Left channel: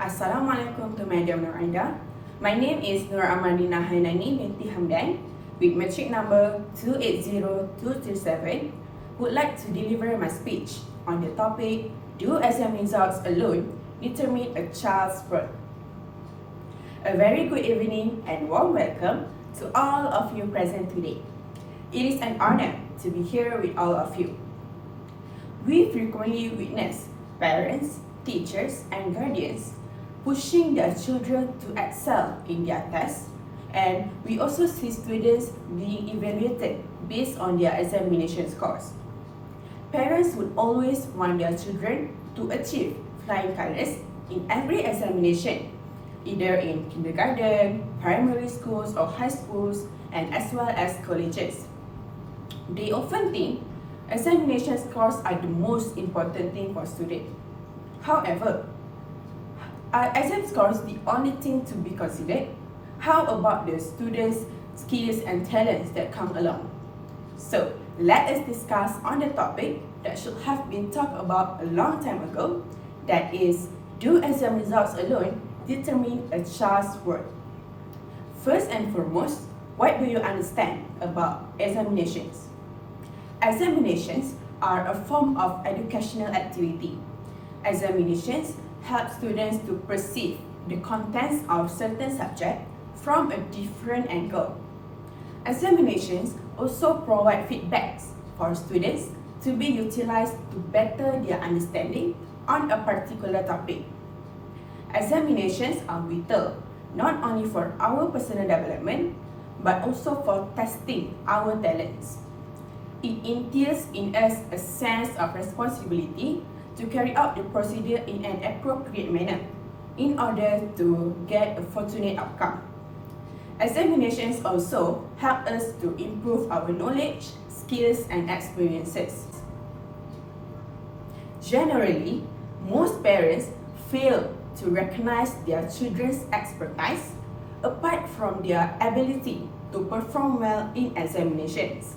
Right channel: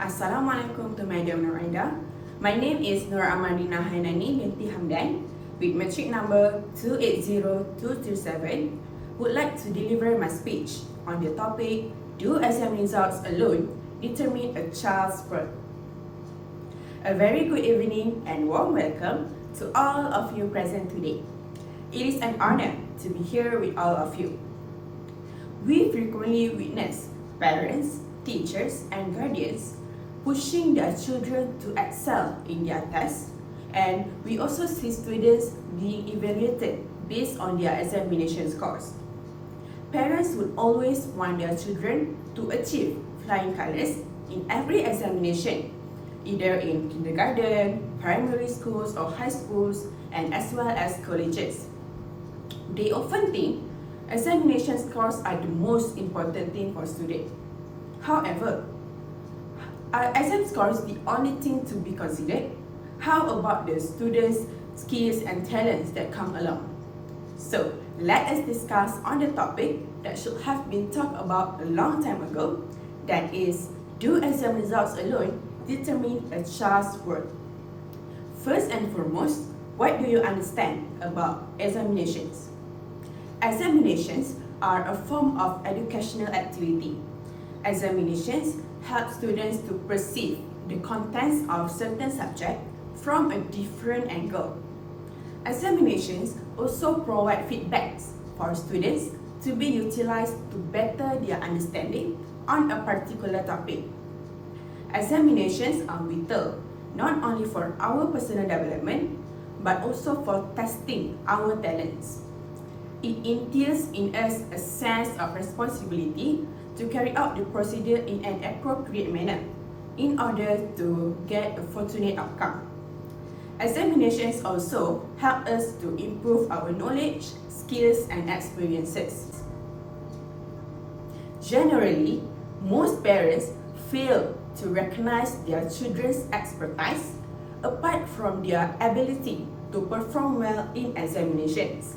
Assalamualaikum to Madam Nuramanina. My name is Nuramanina Hanani, binti Hamdan, with matric number 280237. Would like to deliver my speech on the topic, Do exam results alone determine a child's worth? A very good evening and warm welcome to all of you present today. It is an honor to be here with all of you. We frequently witness parents, teachers, and guardians pushing their children to excel in their tests, and we also see students being evaluated based on their examination scores. Parents would always want their children to achieve flying colours in every examination, either in kindergarten, primary schools or high schools, and as well as colleges. They often think examination scores are the most important thing for students. However, are exam scores the only thing to be considered? How about the students' skills and talents that come along? So, let us discuss on the topic that should have been talked about a long time ago, that is, do exam results alone determine a child's worth? First and foremost, what do you understand about examinations? Examinations are a form of educational activity. Examinations help students to perceive the contents of certain subject from a different angle. Examinations also provide feedbacks for students to be utilized to better their understanding on a particular topic. Examinations are vital not only for our personal development but also for testing our talents. It entails in us a sense of responsibility to carry out the procedure in an appropriate manner in order to get a fortunate outcome. Examinations also help us to improve our knowledge, skills, and experiences. Generally, most parents fail to recognize their children's expertise apart from their ability to perform well in examinations.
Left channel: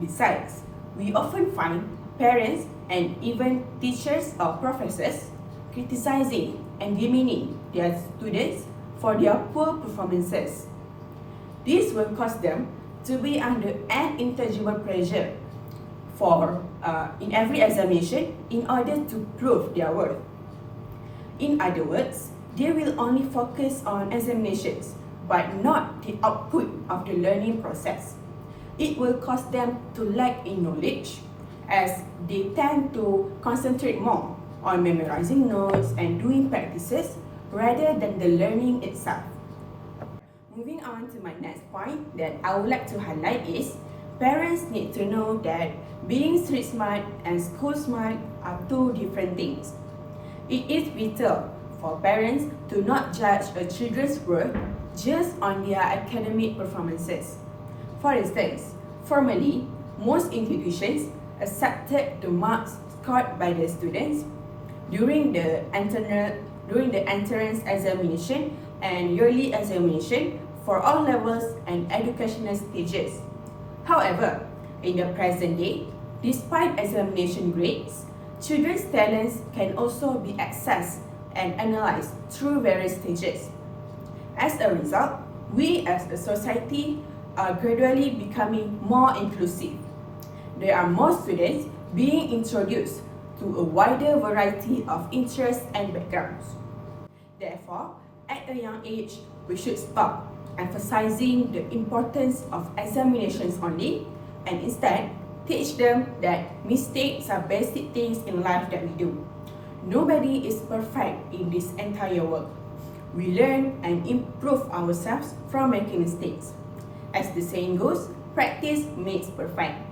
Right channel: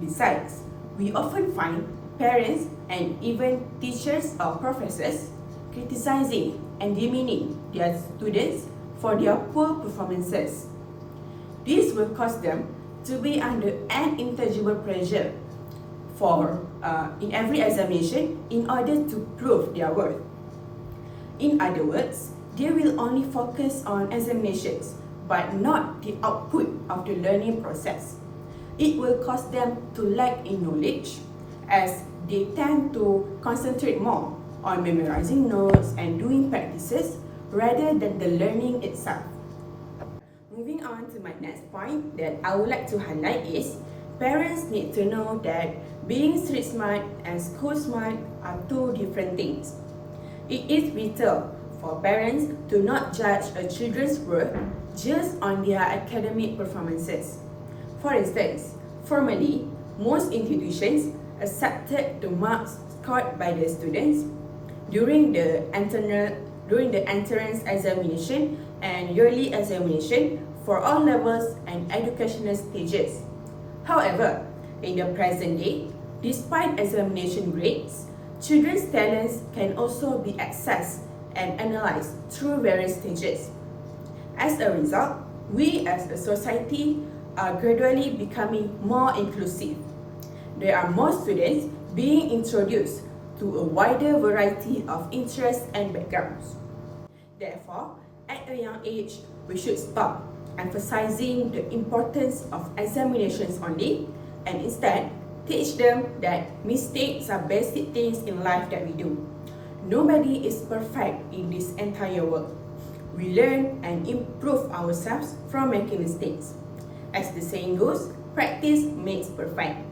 Besides, we often find parents and even teachers or professors criticizing and demeaning their students for their poor performances. This will cause them to be under an intangible pressure in every examination in order to prove their worth. In other words, they will only focus on examinations but not the output of the learning process. It will cause them to lack in knowledge, as they tend to concentrate more on memorizing notes and doing practices rather than the learning itself. Moving on to my next point that I would like to highlight is, parents need to know that being street smart and school smart are two different things. It is vital for parents to not judge a children's worth just on their academic performances. For instance, formally, most institutions accepted the marks scored by the students during the entrance examination and yearly examination for all levels and educational stages. However, in the present day, despite examination grades, children's talents can also be accessed and analyzed through various stages. As a result, we as a society are gradually becoming more inclusive. There are more students being introduced to a wider variety of interests and backgrounds. Therefore, at a young age, we should stop emphasizing the importance of examinations only and instead teach them that mistakes are basic things in life that we do. Nobody is perfect in this entire world. We learn and improve ourselves from making mistakes. As the saying goes, practice makes perfect.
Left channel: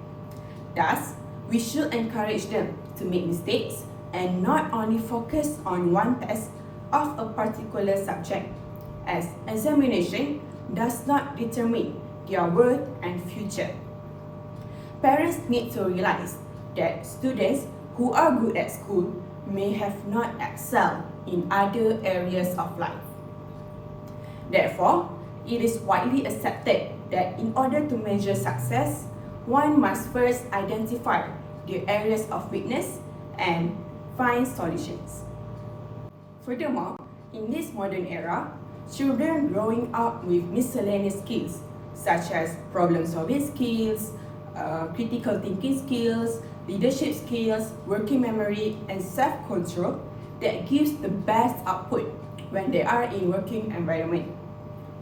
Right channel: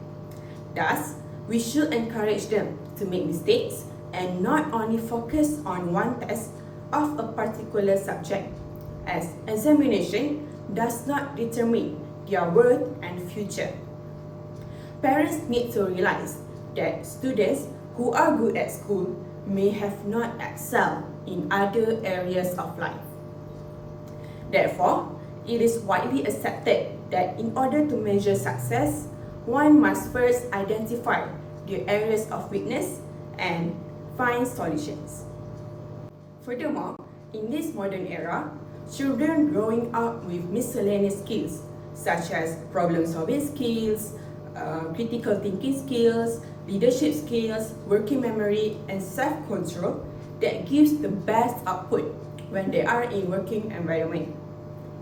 Thus, we should encourage them to make mistakes and not only focus on one test of a particular subject, as examination does not determine their worth and future. Parents need to realize that students who are good at school may have not excelled in other areas of life. Therefore, it is widely accepted that in order to measure success, one must first identify the areas of weakness and find solutions. Furthermore, In this modern era, children growing up with miscellaneous skills such as problem-solving skills, critical thinking skills, leadership skills, working memory, and self-control that gives the best output when they are in working environment.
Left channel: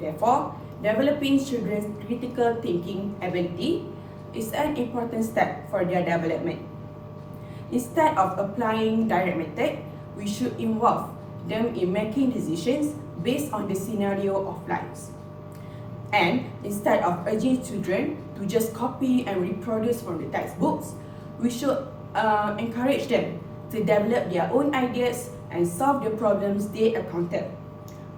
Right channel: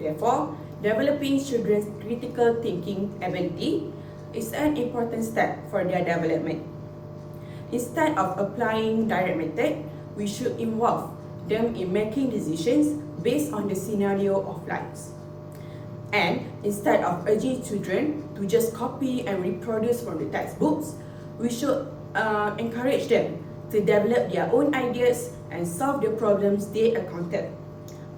Therefore, developing children's critical thinking ability is an important step for their development. Instead of applying direct method, we should involve them in making decisions based on the scenario of lives. And instead of urging children to just copy and reproduce from the textbooks, we should encourage them to develop their own ideas and solve the problems they encounter.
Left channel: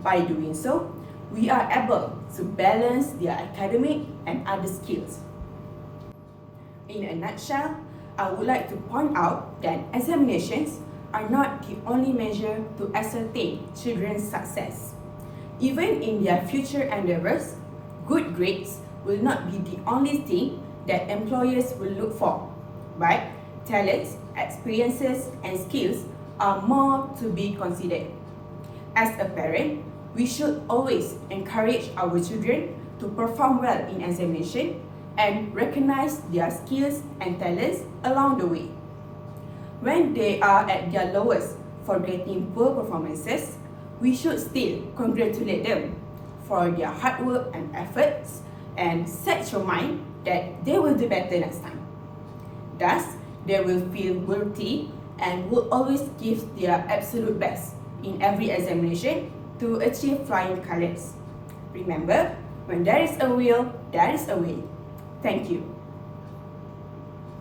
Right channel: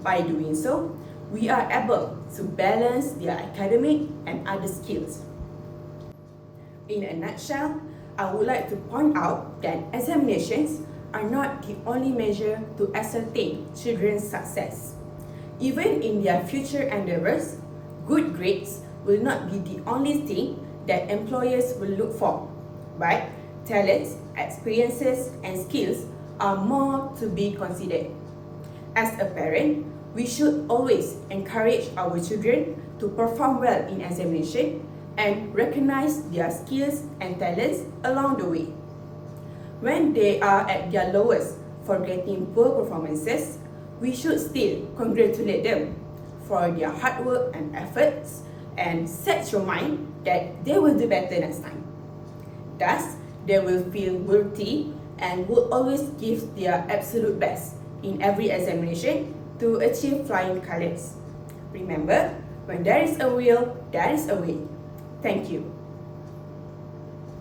By doing so, we are able to balance their academic and other skills. In a nutshell, I would like to point out that examinations are not the only measure to ascertain children's success. Even in their future endeavors, good grades will not be the only thing that employers will look for, but talents, experiences, and skills are more to be considered. As a parent, we should always encourage our children to perform well in examination and recognize their skills and talents along the way. When they are at their lowest for getting poor performances, we should still congratulate them for their hard work and efforts and set your mind that they will do better next time. Thus, they will feel worthy and will always give their absolute best in every examination to achieve flying colors. Remember, when there is a will, there is a way. Thank you.